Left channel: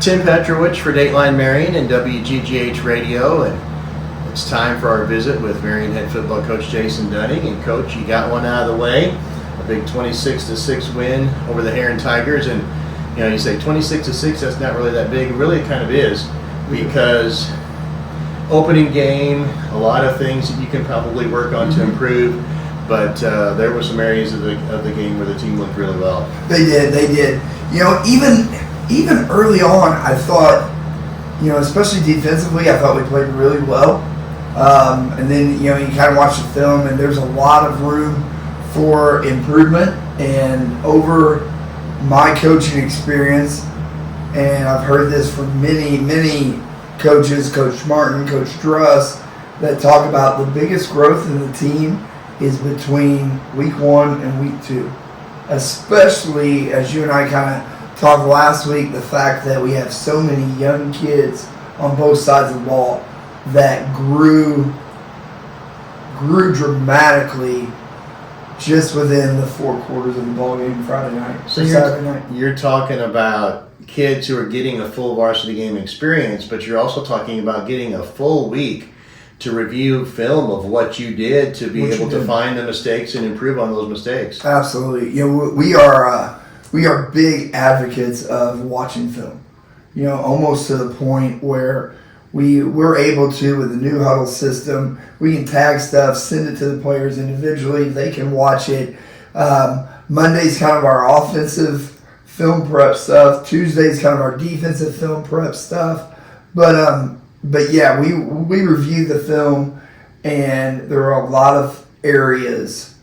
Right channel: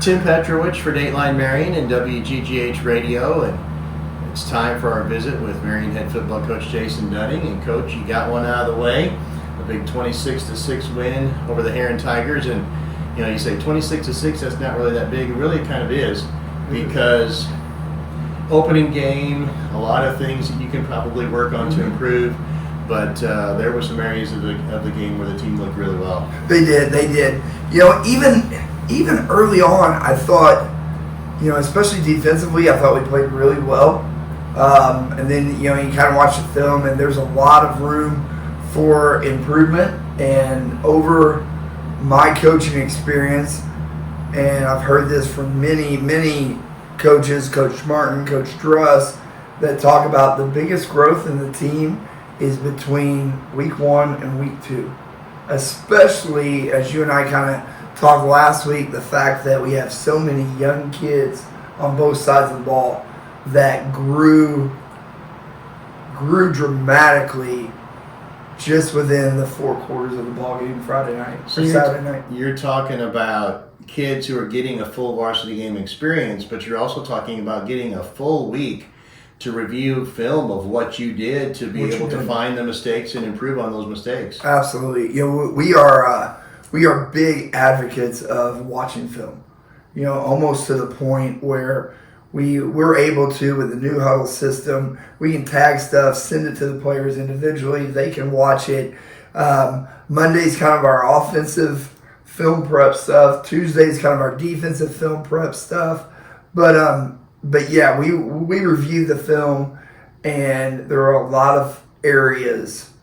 Tim Petrowich for Dateline Marion and WGGH Radio, and it's time for our visit with Marion head football coach Jason Dunning. And Coach, you got one out of the way, a big 26-6 win over the Herrin Tigers, and you say 26-6. That's not really that big. Really, it kind of is, because opening game, a lot of things that you can probably work on to improve. But there were some areas of the game where the team looked really well. They did. Even early on, I thought, especially defensively, I thought we played really well. And then, you kind of watch the film, and there's a lot of room for improvement. And over my coaching experience, and I've heard this from many, many coaches, Coach Martin, Coach Druss, that talk about the biggest growth in the team is between week 1 and week 2. Especially, as you and I kind of talked last week, the fact that we have so many young kids on both sides of the ball that grew dramatically just within the 4 quarters of the ball game Friday night or Saturday night. You're talking about kids who are getting a full varsity game experience, but you're also talking about getting a full week to review film of what you did to be able to find the mistakes and improve on those mistakes. Absolutely. We are big advocates of watching film. Almost to the point where we're able to, with the new huddle system, we can tag stuff, send it to the players individually. They can watch it. Monday's kind of our offensive film prep stuff. Tuesday's kind of our defensive film prep stuff. But yeah, we reviewed the film, and there are a lot of areas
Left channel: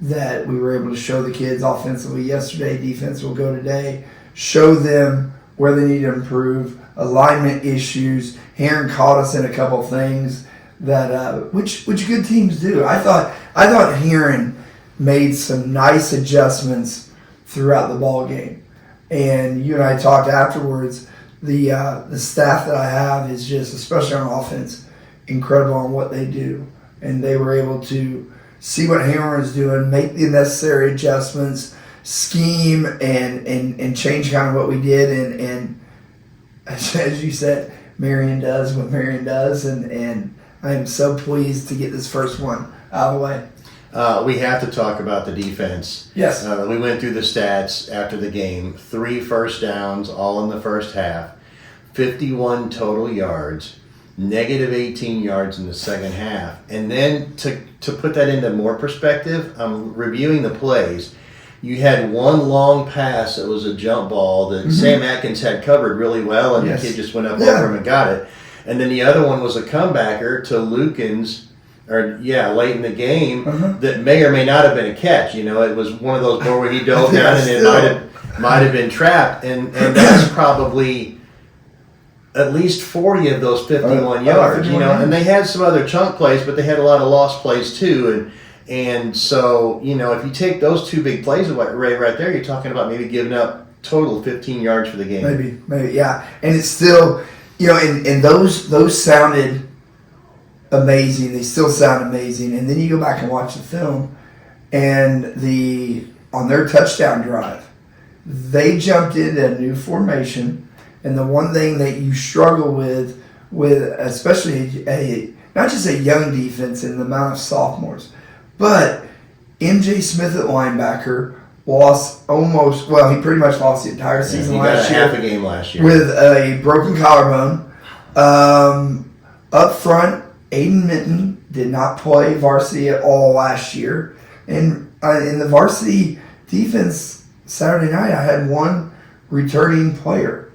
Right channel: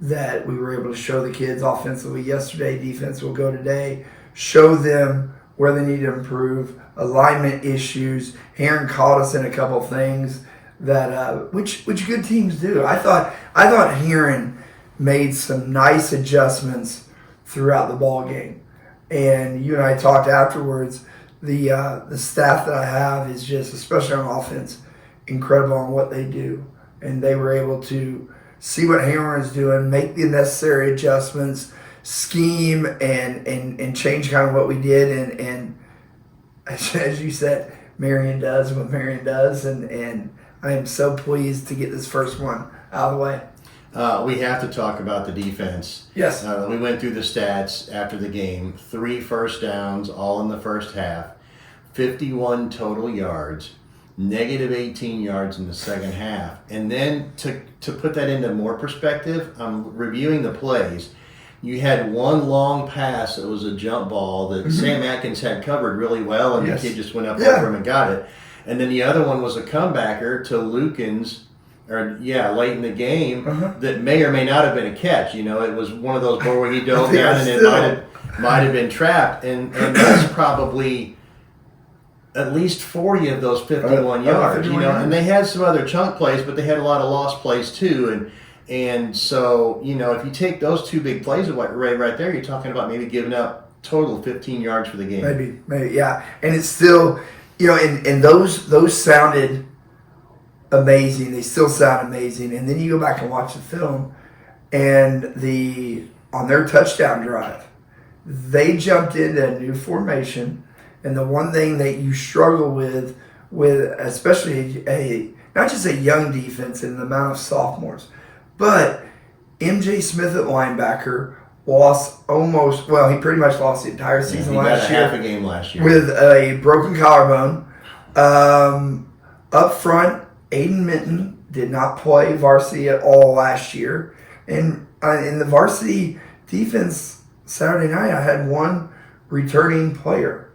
that we were able to show the kids offensively yesterday. Defense will go today. Show them where they need to improve. Alignment issues. Herrin caught us in a couple things that which good teams do. I thought Herrin made some nice adjustments throughout the ball game, and you and I talked afterwards. The staff that I have is just, especially on offense, incredible on what they do. And they were able to see what Herrin is doing, make the necessary adjustments, scheme, and change kind of what we did. And as you said, Marion does what Marion does. And I am so pleased to get this first one out of the way. We have to talk about the defense. Yes. We went through the stats after the game. 3 first downs, all in the first half. 51 total yards. Negative 18 yards in the second half. And then to put that into more perspective, I'm reviewing the plays. You had one long pass that was a jump ball that Sam Atkins had covered really well, and the kid just went up over him and got it. And then the other one was a comebacker to Lukens, late in the game, that may or may not have been a catch. It was one of those where he dove down and it might have been trapped. And that's probably at least 40 of those 51 yards. And they had some other chunk plays, but they had a lot of lost plays too. And so, if you take those 2 big plays away right there, you're talking about maybe giving up total 15 yards for the game. Maybe, yeah. And it's still, and those sounded amazing. They still sound amazing. And then you go back and watch the film, and on their touchdown drive, they jumped into a new formation. And the one thing that you struggle with especially not just a young defense and the amount of sophomores, but MJ Smith at linebacker he pretty much lost the entire season last year. Half a game last year with a broken collarbone. Up front, Aiden Minton did not play varsity at all last year. And in the varsity defense Saturday night, I had one returning player.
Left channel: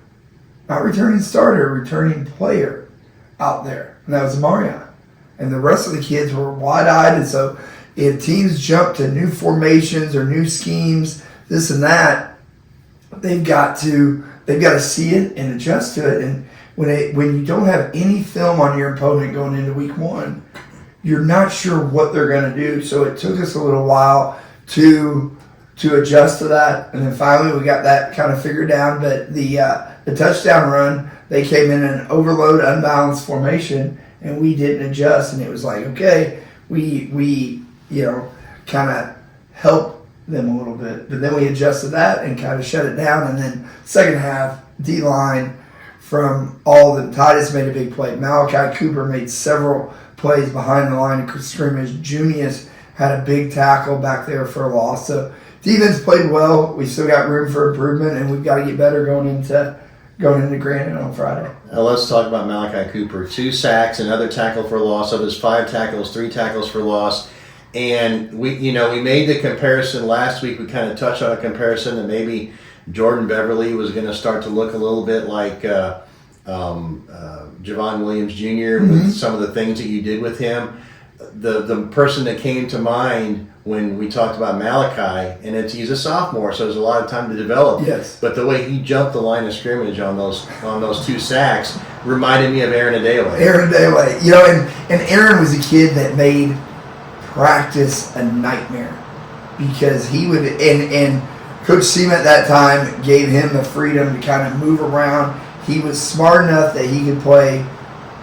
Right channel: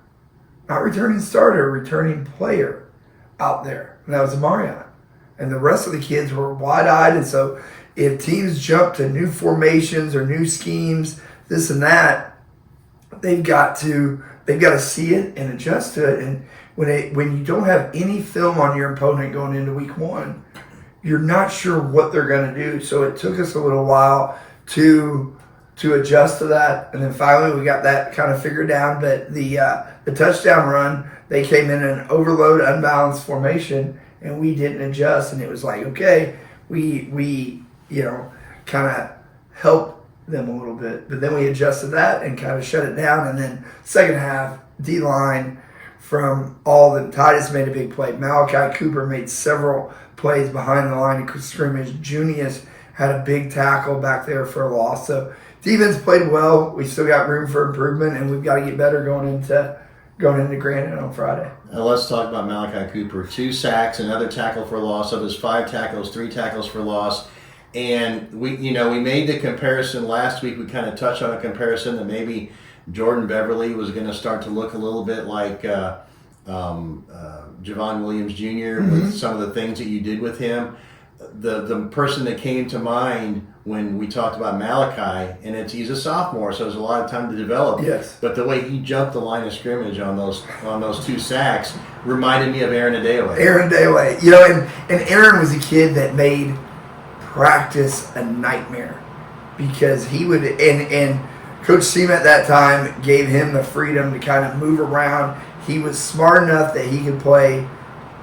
Not returning starter, returning player out there. And that was Marion. And the rest of the kids were wide-eyed. And so if teams jump to new formations or new schemes, this and that, they've got to see it and adjust to it. And when you don't have any film on your opponent going into week 1, you're not sure what they're going to do. So it took us a little while to adjust to that. And then finally we got that kind of figured out. But the touchdown run, they came in an overload, unbalanced formation, and we didn't adjust. And it was like, okay, we kind of help them a little bit. But then we adjusted that and kind of shut it down. And then second half, D-line from all of them. Titus made a big play. Malachi Cooper made several plays behind the line of scrimmage. Junius had a big tackle back there for a loss. So defense played well. We still got room for improvement, and we've got to get better going into Granite on Friday. Let's talk about Malachi Cooper. 2 sacks, another tackle for loss. Of his 5 tackles, 3 tackles for loss. And we made the comparison last week. We kind of touched on a comparison that maybe Jordan Beverly was going to start to look a little bit like Javon Williams Jr. with some of the things that you did with him. The person that came to mind when we talked about Malachi, and he's a sophomore, so there's a lot of time to develop. Yes. But the way he jumped the line of scrimmage on those 2 sacks reminded me of Aaron Adewale. And Aaron was a kid that made practice a nightmare because he would and Coach Seam at that time gave him the freedom to kind of move around. He was smart enough that he could play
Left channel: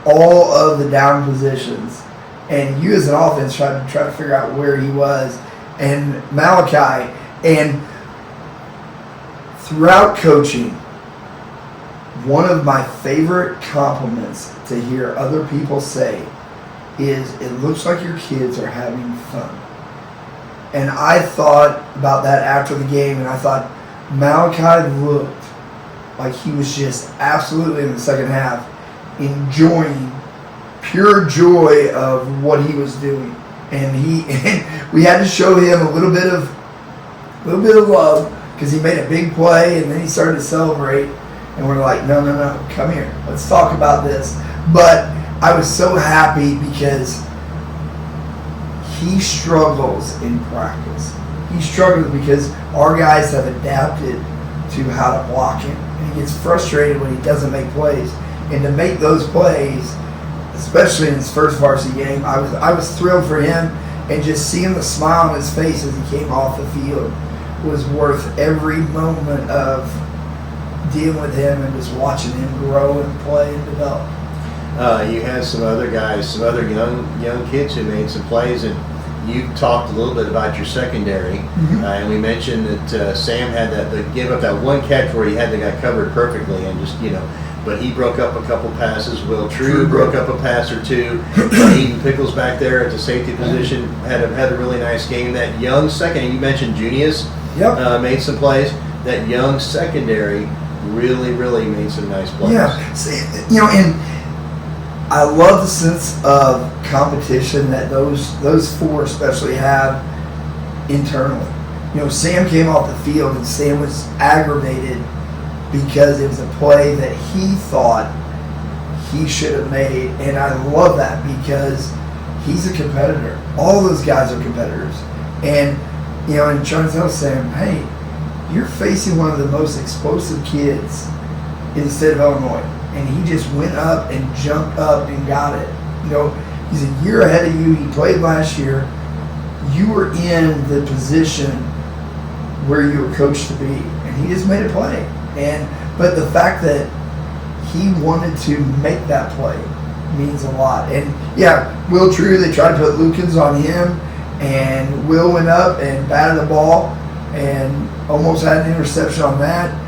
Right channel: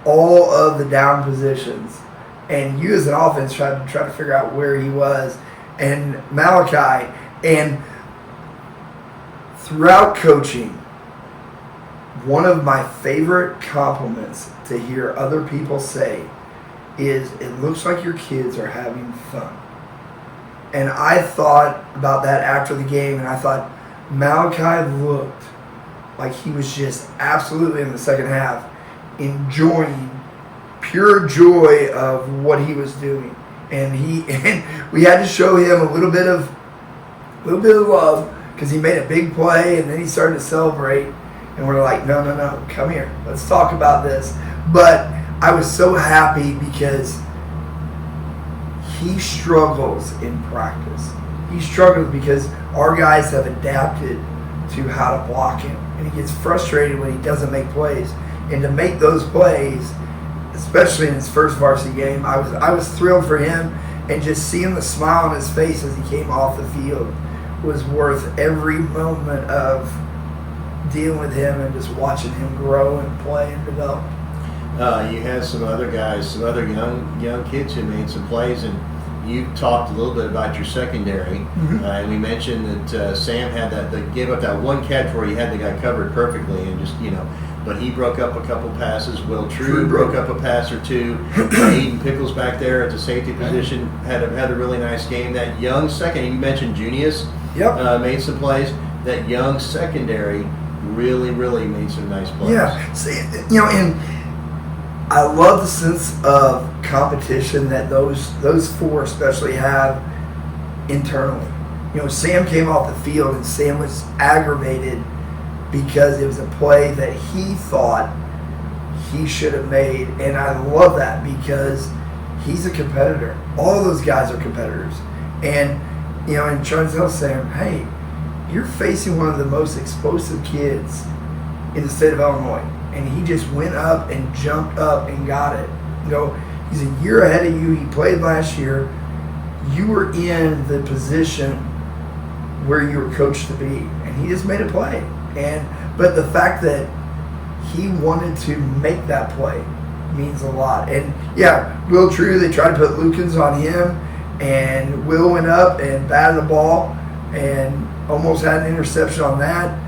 all of the down positions. And you as an offense tried to figure out where he was. And Malachi, and throughout coaching, one of my favorite compliments to hear other people say is, it looks like your kids are having fun. And I thought about that after the game, and I thought Malachi looked like he was just absolutely in the second half enjoying pure joy of what he was doing, and we had to show him a little bit of love because he made a big play and then he started to celebrate, and we're like, no, come here, let's talk about this. But I was so happy because he struggles in practice. He struggles because our guys have adapted to how to block him, and he gets frustrated when he doesn't make plays. And to make those plays, especially in his first varsity game, I was thrilled for him, and just seeing the smile on his face as he came off the field was worth every moment of dealing with him and just watching him grow and play and develop. You had some other guys, some other young kids who made some plays, and you talked a little bit about your secondary, and we mentioned that Sam had gave up that one catch where he had the guy covered perfectly, and just but he broke up a couple passes. Will True broke up a pass or 2. Eden Pickles back there at the safety position had a really nice game. That young secondary, you mentioned Junius, made some plays. That young secondary really made some nice plays. Yeah, and I love the sense of competition that those 4 especially have internally. Sam came off the field and Sam was aggravated because it was a play that he thought he should have made, and I love that because he's a competitor. All those guys are competitors, and and trying to tell Sam, hey, you're facing one of the most explosive kids in the state of Illinois. And he just went up and jumped up and got it. He's a year ahead of you. He played last year. You were in the position where you were coached to be, and he just made a play. But the fact that he wanted to make that play means a lot. And Will True, they tried to put Lukens on him, and Will went up and batted the ball and almost had an interception on that.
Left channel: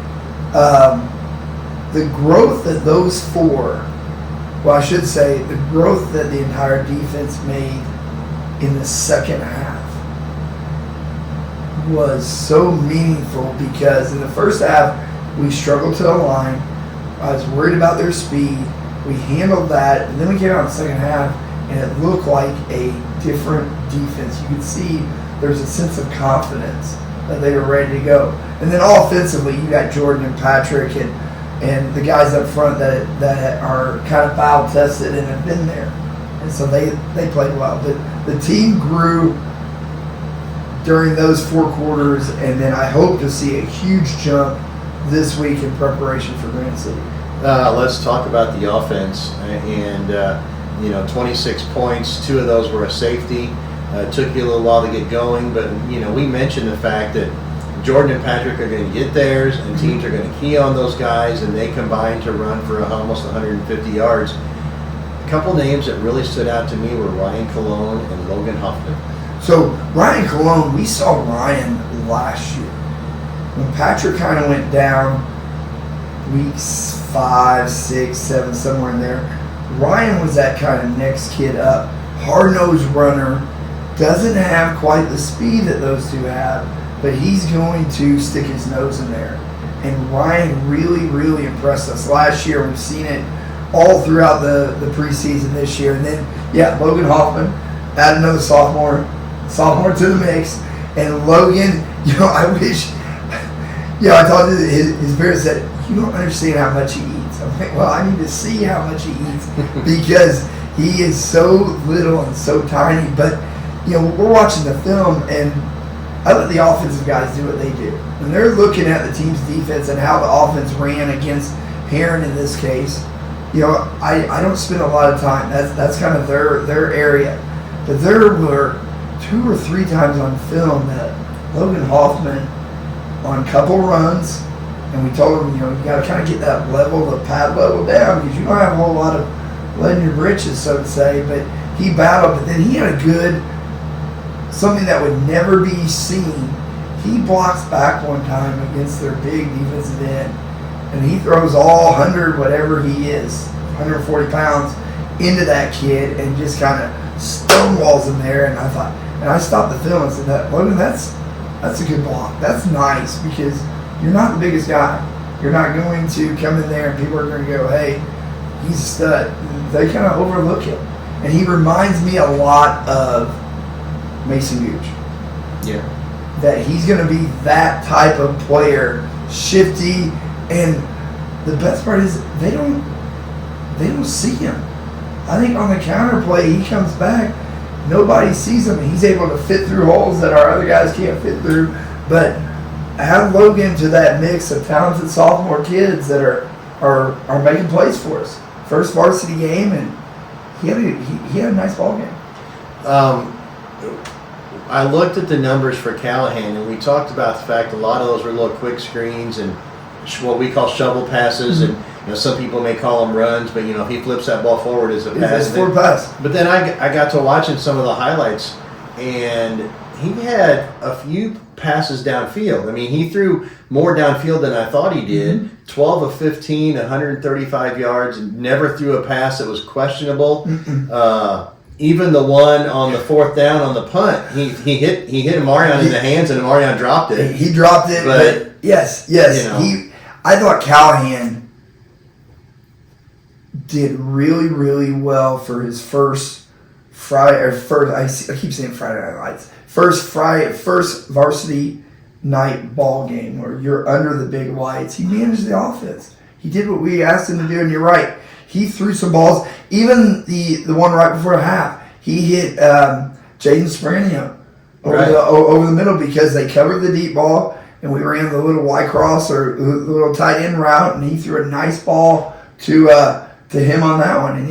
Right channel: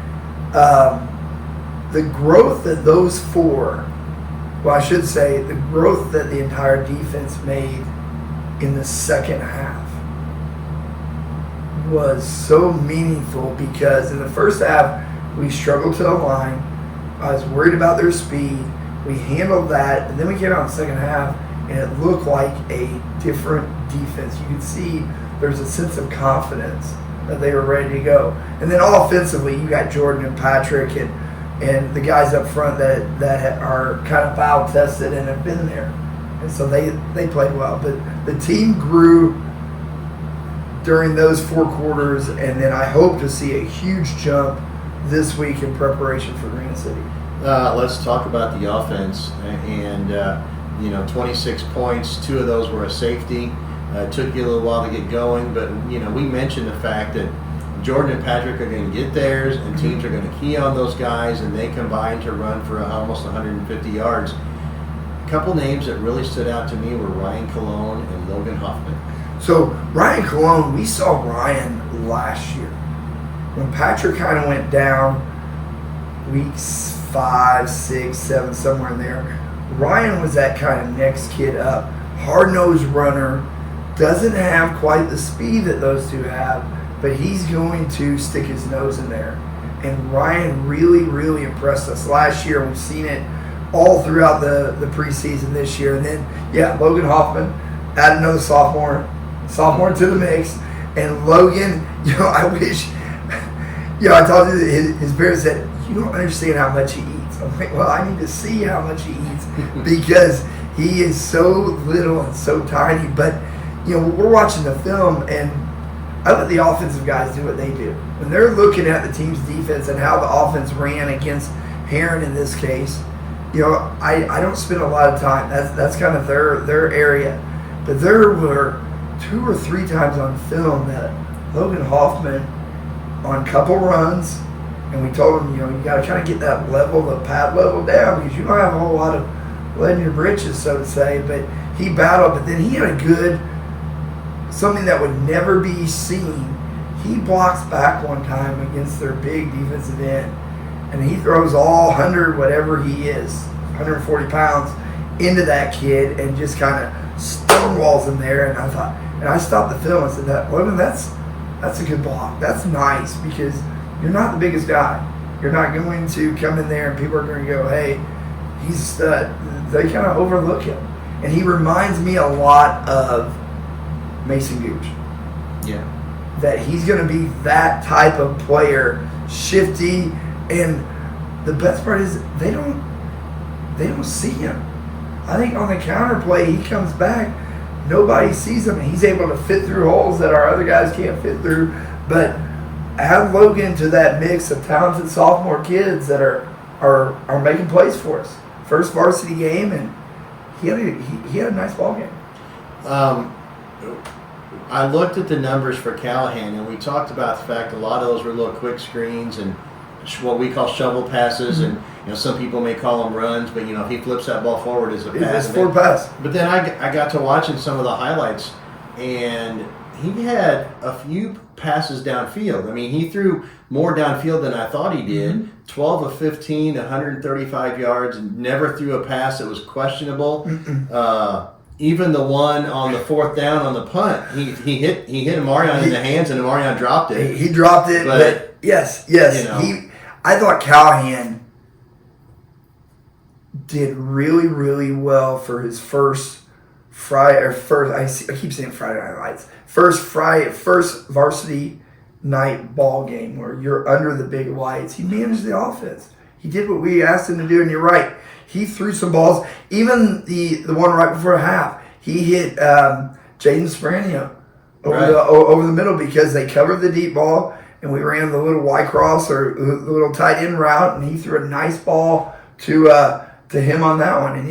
The growth that those 4, the growth that the entire defense made in the second half was so meaningful because in the first half, we struggled to the line. I was worried about their speed. We handled that, and then we came out in the second half, and it looked like a different defense. You could see there was a sense of confidence that they were ready to go. And then offensively, you got Jordan and Patrick and the guys up front that are kind of foul tested and have been there. And so they played well. But the team grew during those 4 quarters, and then I hope to see a huge jump this week in preparation for Granite City. Let's talk about the offense. And 26 points, 2 of those were a safety. It took you a little while to get going, but we mentioned the fact that Jordan and Patrick are going to get theirs, and teams are going to key on those guys, and they combine to run for almost 150 yards. A couple names that really stood out to me were Ryan Colon and Logan Hoffman. So Ryan Colon, we saw Ryan last year. When Patrick kind of went down weeks 5, 6, 7, somewhere in there. Ryan was that kind of next kid up. Hard-nosed runner. Doesn't have quite the speed that those two have, but he's going to stick his nose in there. And Ryan really, really impressed us last year. We've seen it all throughout the preseason this year. And then, Logan Hoffman, add another sophomore to the mix. And Logan, I wish, I told you his parents said, you don't understand how much he eats. I'm like, well, I need to see how much he eats because he is so little and so tiny. But, we're watching the film and I let the offensive guys do what they do. When they're looking at the team's defense and how the offense ran against Herrin in this case, I don't spend a lot of time. That's kind of their area. But there were 2 or 3 times on film that Logan Hoffman on couple runs, and we told him, you got to kind of get that level, the pad level down because you don't have a whole lot of lead in your britches, so to say. But he battled, but then he had something that would never be seen. He blocks back one time against their big defensive end, and he throws all 100, whatever he is, 140 pounds, into that kid and just kind of stonewalls him there. And I thought, and I stopped the film and said, Logan, that's a good block. That's nice because you're not the biggest guy. You're not going to come in there and people are going to go, hey, he's a stud. They kind of overlook him. And he reminds me a lot of Mason Gooch. Yeah. That he's going to be that type of player, shifty, and the best part is they don't see him. I think on the counter play, he comes back, nobody sees him, and he's able to fit through holes that our other guys can't fit through. But add Logan to that mix of talented sophomore kids that are making plays for us. First varsity game, and he had a nice ball game. I looked at the numbers for Callahan, and we talked about the fact a lot of those were little quick screens and what we call shovel passes, and some people may call them runs, but if he flips that ball forward, it's a pass. It's forward pass. But then I got to watching some of the highlights, and he had a few passes downfield. I mean, he threw more downfield than I thought he did. 12 of 15, 135 yards, and never threw a pass that was questionable. Even the one on the 4th down on the punt, he hit Marion in the hands, and Marion dropped it. He dropped it, but yes. I thought Callahan did really, really well for his first I keep saying Friday Night Lights. First varsity night ball game where you're under the big lights. He managed the offense. He did what we asked him to do, and you're right. He threw some balls. Even the one right before half, he hit Jaden Spranio over the middle because they covered the deep ball, and we ran the little Y cross or the little tight end route, and he threw a nice ball to him on that one. And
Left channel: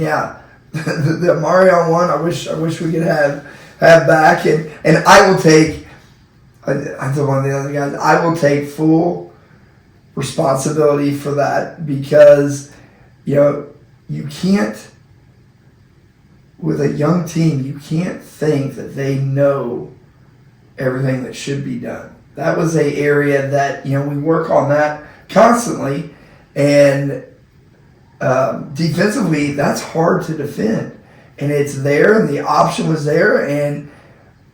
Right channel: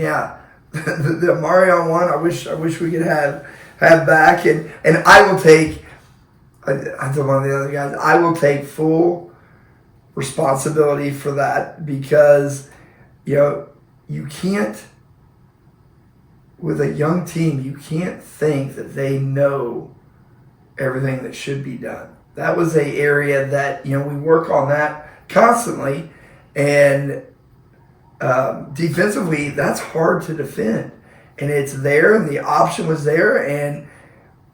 the Marion one, I wish we could have back. And I will take. I told one of the other guys, I will take full responsibility for that because you can't, with a young team, you can't think that they know everything that should be done. That was an area that, we work on that constantly. And defensively, that's hard to defend. And it's there, and the option was there. And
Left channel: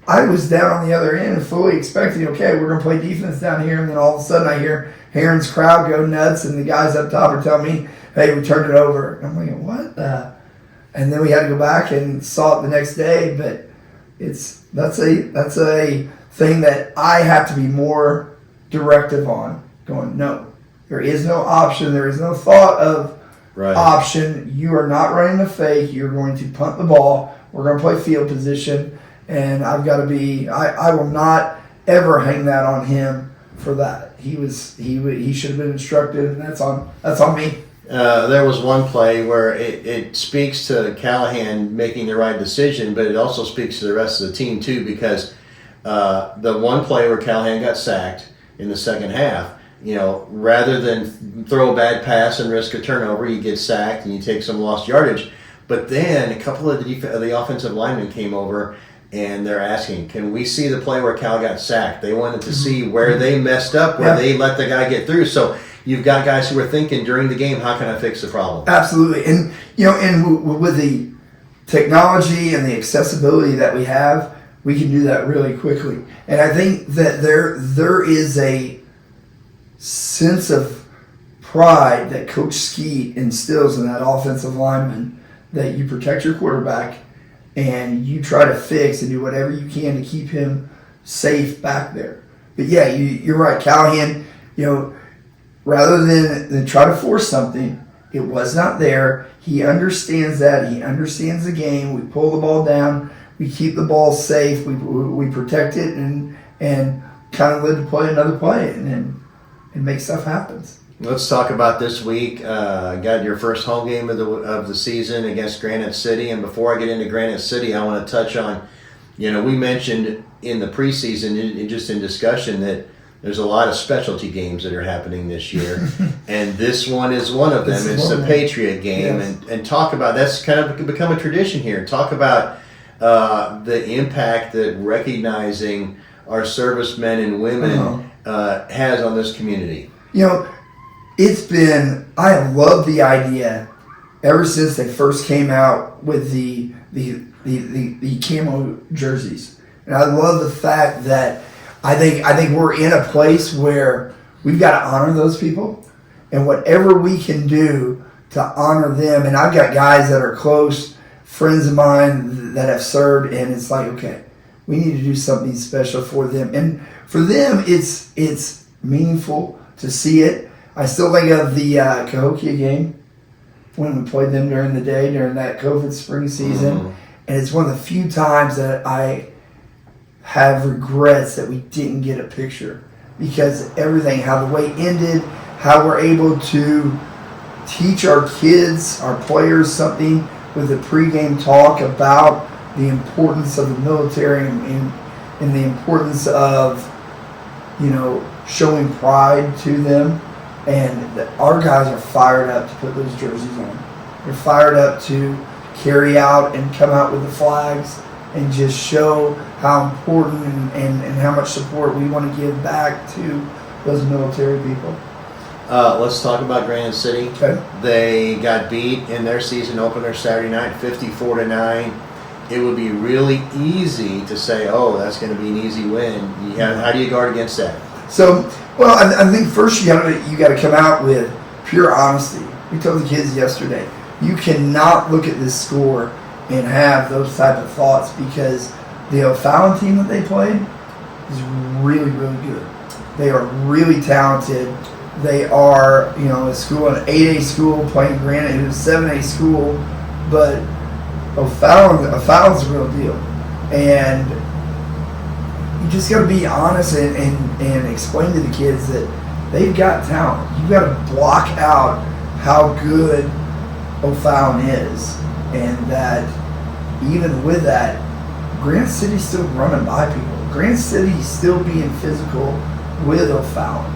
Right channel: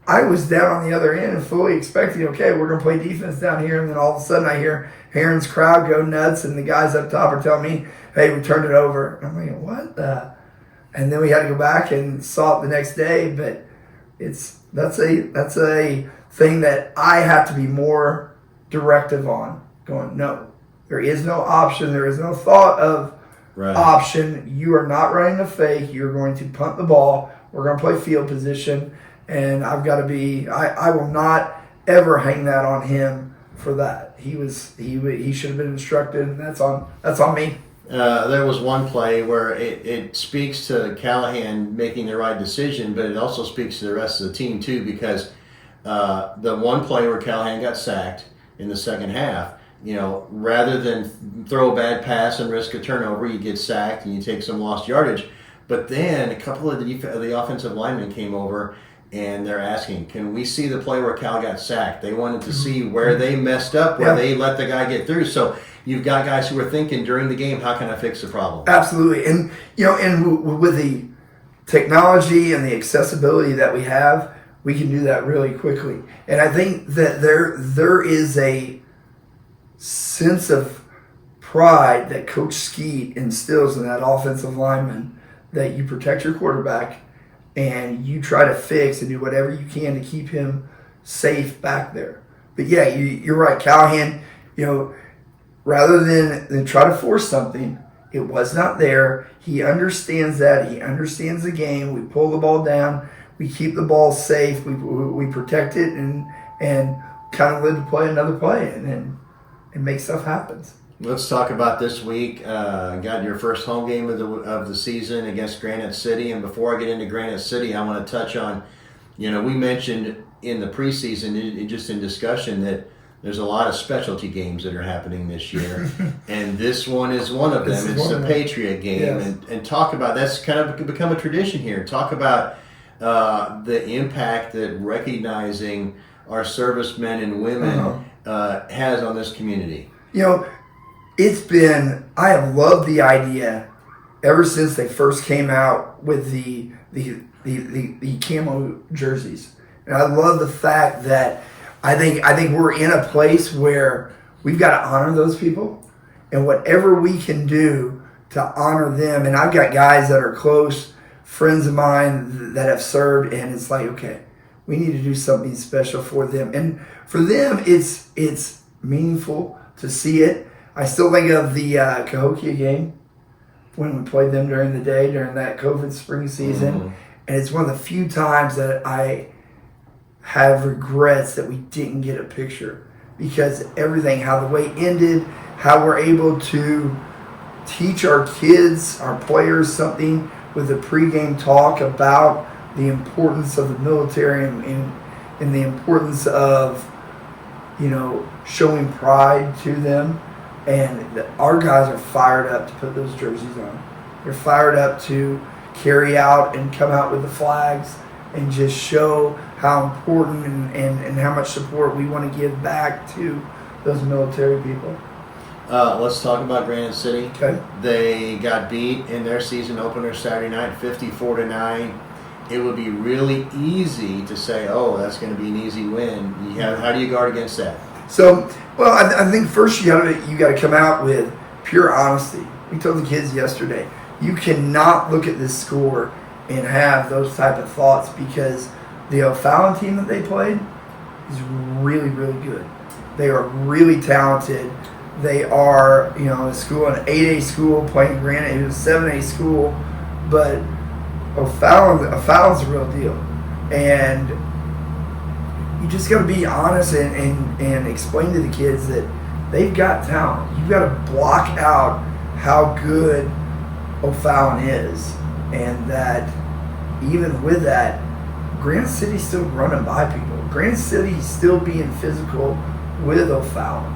I was down on the other end and fully expecting, okay, we're going to play defense down here. And then all of a sudden I hear Herrin's crowd go nuts, and the guys up top are telling me, hey, we turned it over. And I'm like, what the? And then we had to go back and saw it the next day. But that's a thing that I have to be more directive on. Going, no, there is no option. There is no thought of option. You are not running the fake. You're going to punt the ball. We're going to play field position. And I've got to be. I will not ever hang that on him for that. He should have been instructed, and that's on me. There was one play where it speaks to Callahan making the right decision, but it also speaks to the rest of the team too, because the one play where Callahan got sacked in the second half, rather than throw a bad pass and risk a turnover, you get sacked and you take some lost yardage. But then a couple of the offensive linemen came over, and they're asking, can we see the play where Cal got sacked? They wanted to see where they messed up, where they let the guy get through. So you've got guys who are thinking during the game, how can I fix the problem? Absolutely. And, with the technology and the accessibility that we have, we can do that really quickly. And I think that there is a sense of pride that Coach Skeet instills in that offensive lineman, that you protect your quarterback and you try to fix and do whatever you can to keep him safe back there. But yeah, you're right. Callahan, rather than try to force something, it was not there. He understands that. He understands the game. We pull the ball down. We keep the ball safe. We protect it and kind of live to play another play and make stuff happen. Let's talk about this week. Got your first home game of the season against Granite City. And before I get into Granite City, I want to touch on, we mentioned in the preseason, just in discussion, that there's a lot of specialty games that are happening this year. And this one is one of them. It's the Patriot Game. Yes. And talk about, that's kind of become a tradition here. Talk about the impact that recognizing our servicemen and women has on this community. I have loved the idea ever since they first came out with the camo jerseys. And I love the fact that I think we're in a place where we've got to honor those people, and whatever we can do to honor them. And I've got guys that are close friends of mine that have served, and it's like, okay, we need to do something special for them. And for them, it's meaningful to see it. I still think of the Cahokia game when we played them during the day during that COVID spring season. And it's one of the few times that I have regrets that we didn't get a picture, because everything, how the way ended, how we're able to teach our kids, our players, something with the pregame talk about the importance of the military and the importance of, showing pride to them. And our guys are fired up to put those jerseys on. They're fired up to carry out and come out with the flags and just show how important and how much support we want to give back to those military people. Let's talk about Granite City. Okay. They got beat in their season opener Saturday night, 54-9. It would be really easy to say, "Oh, that's going to be an easy win." How do you guard against that? So, well, I think first you got to come out with pure honesty. We told the kids yesterday, you cannot look at this score and have those type of thoughts, because the O'Fallon team that they played is really, really good. They are really talented. They are, a school, an 8A school playing Granite. It was a 7A school, but O'Fallon's a real deal. And you just got to be honest and explain to the kids that they've got talent. You've got to block out how good O'Fallon is, and that even with that, Granite City's still running by people. Granite City's still being physical with O'Fallon.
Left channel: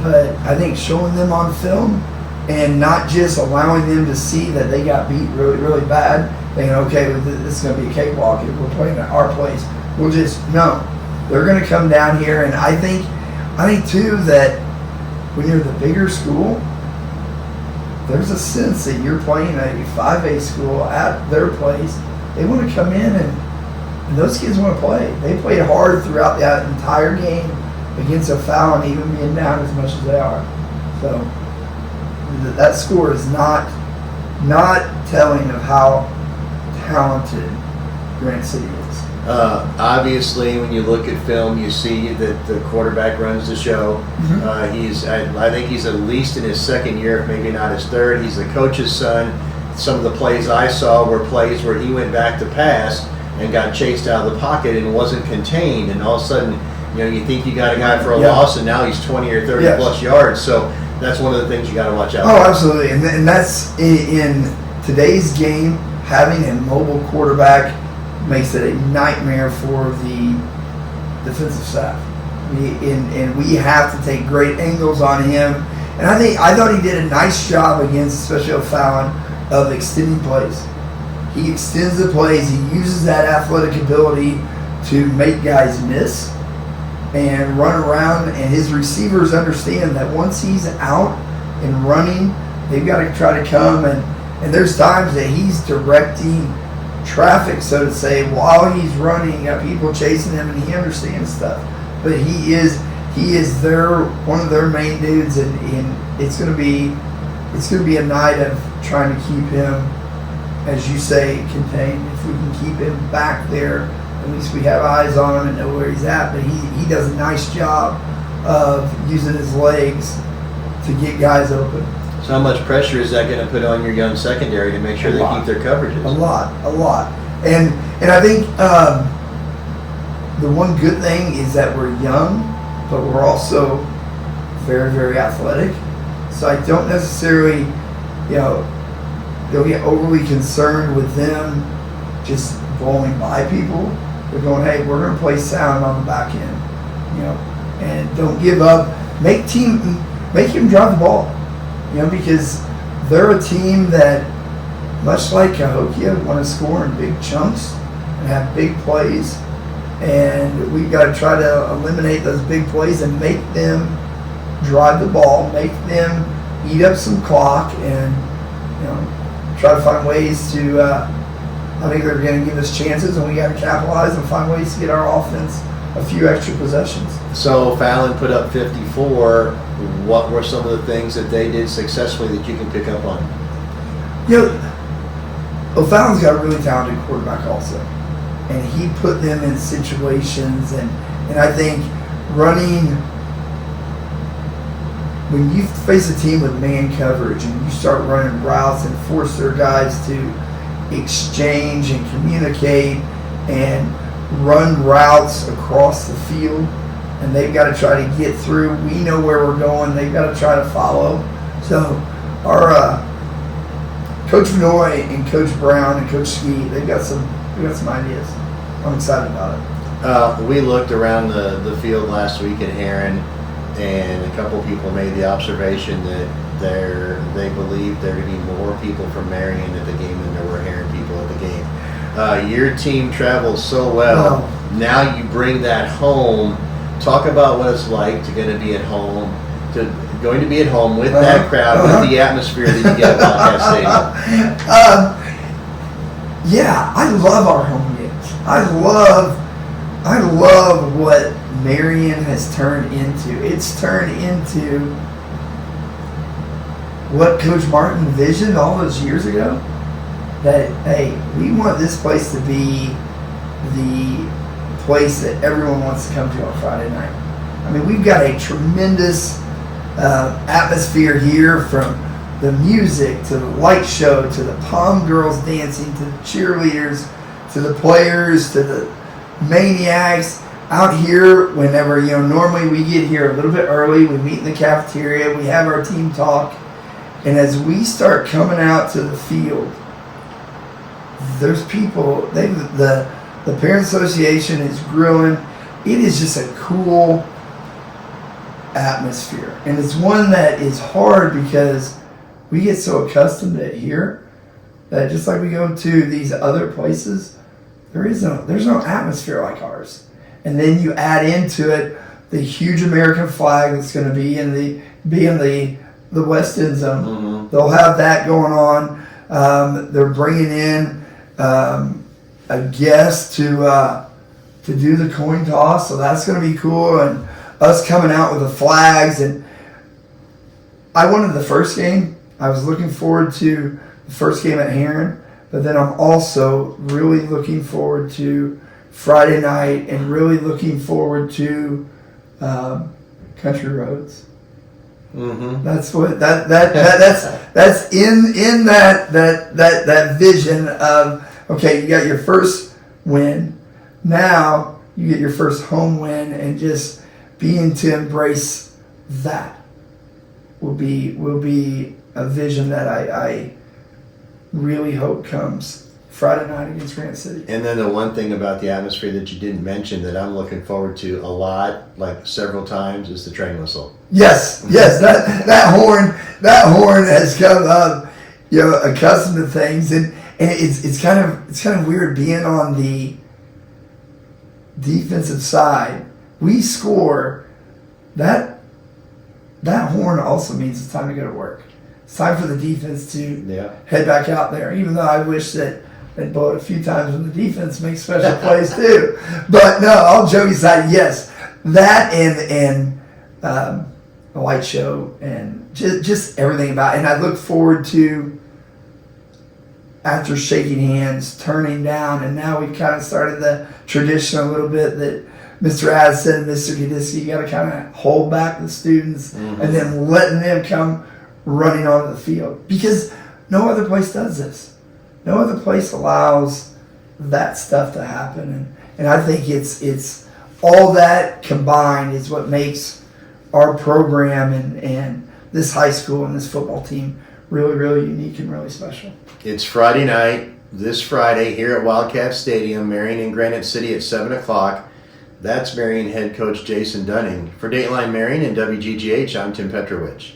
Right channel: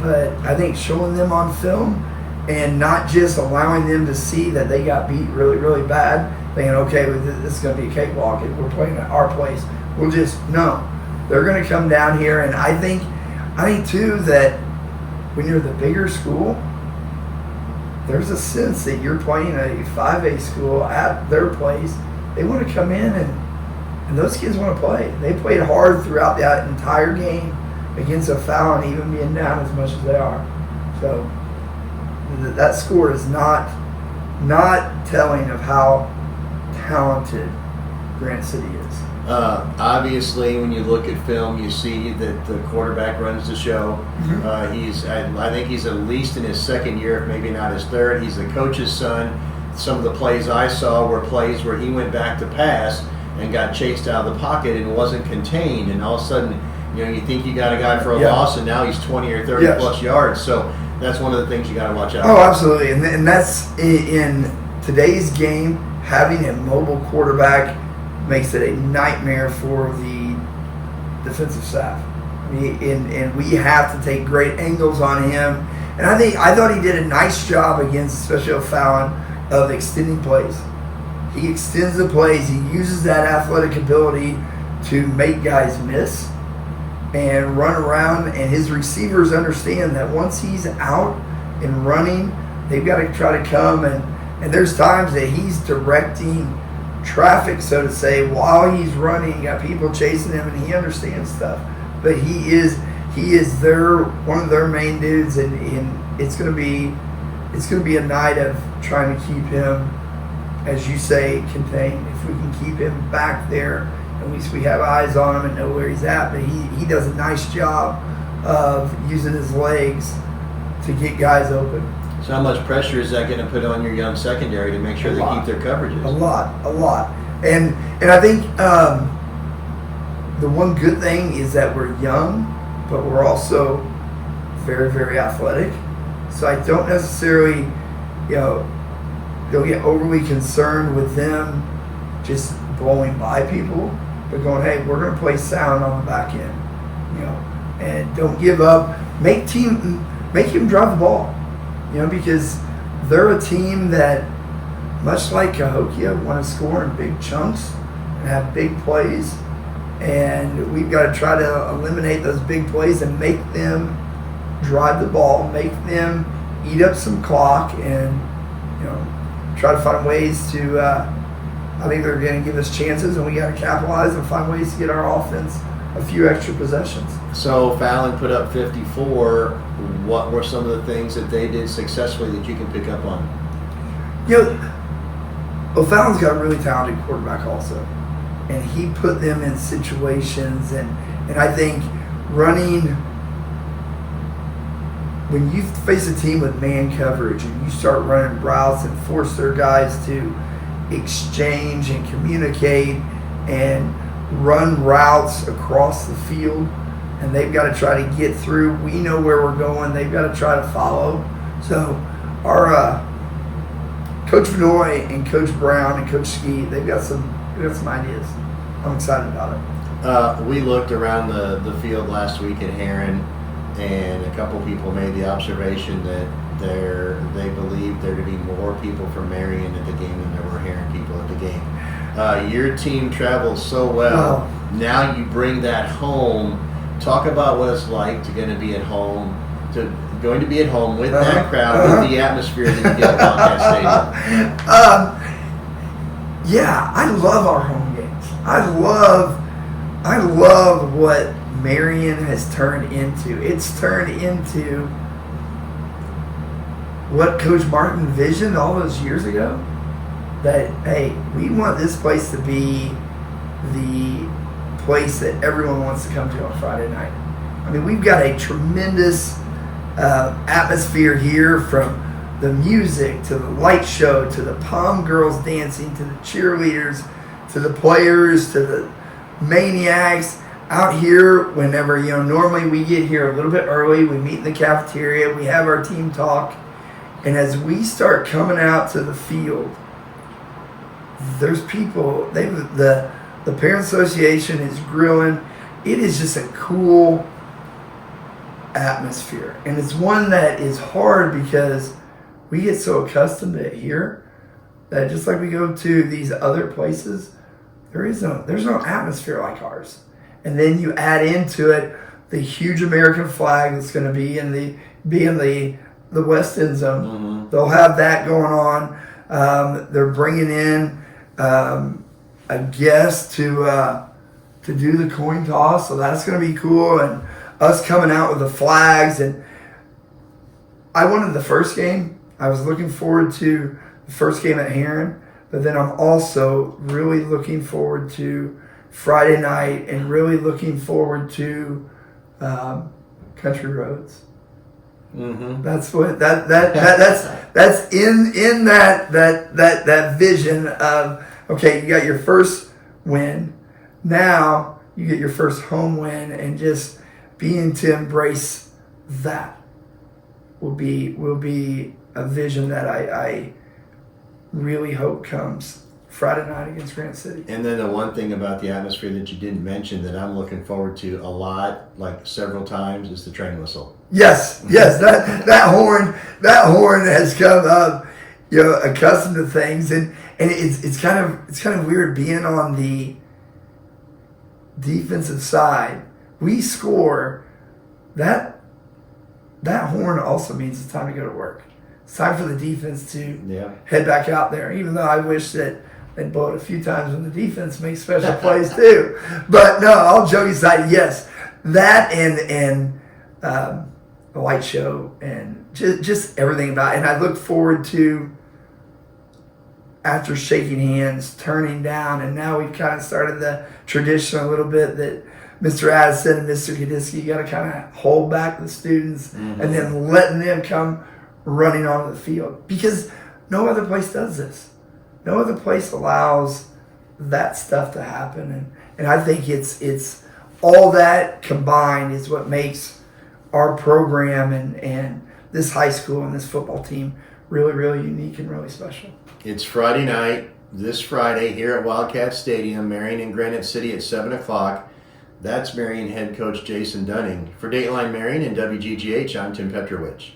But I think showing them on film and not just allowing them to see that they got beat really, really bad, thinking, okay, this is going to be a cakewalk if we're playing at our place. We'll just, no. They're going to come down here, and I think too that when you're the bigger school, there's a sense that you're playing a 5A school at their place. They want to come in, and those kids want to play. They played hard throughout that entire game against O'Fallon, even being down as much as they are. So that score is not telling of how talented Granite City is. Obviously, when you look at film, you see that the quarterback runs the show. I think he's at least in his second year, maybe not his third. He's the coach's son. Some of the plays I saw were plays where he went back to pass and got chased out of the pocket and wasn't contained. And all of a sudden, you think you got a guy for a loss, and now he's 20 or 30 plus yards. So that's one of the things you got to watch out for. Oh, absolutely. And that's in today's game, having a mobile quarterback makes it a nightmare for the defensive staff. And we have to take great angles on him. And I thought he did a nice job against, especially O'Fallon, of extending plays. He extends the plays. He uses that athletic ability to make guys miss. and run around, and his receivers understand that once he's out and running, they've got to try to come, and there's times that he's directing traffic, so to say, while he's running. You got people chasing him, and he understands stuff. But he is one of their main dudes, and it's gonna be a night of trying to keep him, as you say, contained. If we can keep him back there, at least we have eyes on him and know where he's at. But he does a nice job of using his legs to get guys open. So how much pressure is that going to put on your young secondary to make sure they keep their coverages? A lot. And I think the one good thing is that we're young, but we're also very, very athletic. So I don't necessarily, don't get overly concerned with them just blowing by people. They're going, hey, we're going to play sound on the back end, and don't give up. Make him drive the ball, because they're a team that, much like Cahokia, want to score in big chunks and have big plays. And we've got to try to eliminate those big plays and make them drive the ball, make them eat up some clock, and try to find ways to. I think they're going to give us chances, and we got to capitalize and find ways to get our offense a few extra possessions. So Fallon put up 54. What were some of the things that they did successfully that you can pick up on? Fallon's got a really talented quarterback also, and he put them in situations, and I think running. When you face a team with man coverage and you start running routes and force their guys to exchange and communicate and run routes across the field, and they've got to try to get through. We know where we're going. They've got to try to follow. So our Coach Vinoy and Coach Brown and Coach Ski, they've got some ideas. I'm excited about it. We looked around the field last week at Herrin, and a couple people made the observation that they believe there to be more people from Marion at the game than there were Herrin people at the game. Your team travels so well. Wow. Now you bring that home. Talk about what it's like going to be at home with that crowd, with the atmosphere that you get at Wildcat Stadium. Yeah, I love our home games. I love what Marion has turned into. It's turned into what Coach Martin envisioned all those years ago. That, hey, we want this place to be the place that everyone wants to come to on Friday night. I mean, we've got a tremendous atmosphere here, from the music to the light show to the pom girls dancing to the cheerleaders to the players to the maniacs out here. Whenever, normally we get here a little bit early, we meet in the cafeteria, we have our team talk, and as we start coming out to the field, there's people, the parent association is grilling. It is just a cool atmosphere, and it's one that is hard because we get so accustomed to it here that just like we go to these other places, there's no atmosphere like ours. And then you add into it the huge American flag that's going to be in the West End zone. Mm-hmm. They'll have that going on. They're bringing in a guest to do the coin toss, so that's going to be cool. And us coming out with the flags. And I wanted the first game. I was looking forward to the first game at Herrin, but then I'm also really looking forward to Friday night and really looking forward to Country Roads. Mm-hmm. That's what that's in that vision of, okay, you got your first win, now you get your first home win, and just being to embrace that will be a vision that I really hope comes Friday night against Granite City. And then the one thing about the atmosphere that you didn't mention that I'm looking forward to a lot, like several times, is the train whistle. Yes, that horn has come up, accustomed to things, and it's kind of weird being on the defensive side we score, that horn also means it's time to go to work. It's time for the defense to head back out there, even though I wish that they'd blow it a few times when the defense makes special plays too. But no, all joking aside, yes, that and the light show and just everything about it. And I look forward to, after shaking hands, turning down, and now we've kind of started the tradition a little bit that Mr. Addison and Mr. Gadisky, you got to kind of hold back the students and then letting them come running onto the field, because no other place does this. No other place allows that stuff to happen, and I think it's all that combined is what makes our program and this high school and this football team really, really unique and really special. It's Friday night, this Friday, here at Wildcat Stadium, Marion and Granite City at 7 o'clock. That's Marion head coach Jason Dunning. For Dateline Marion and WGGH, I'm Tim Petrowich.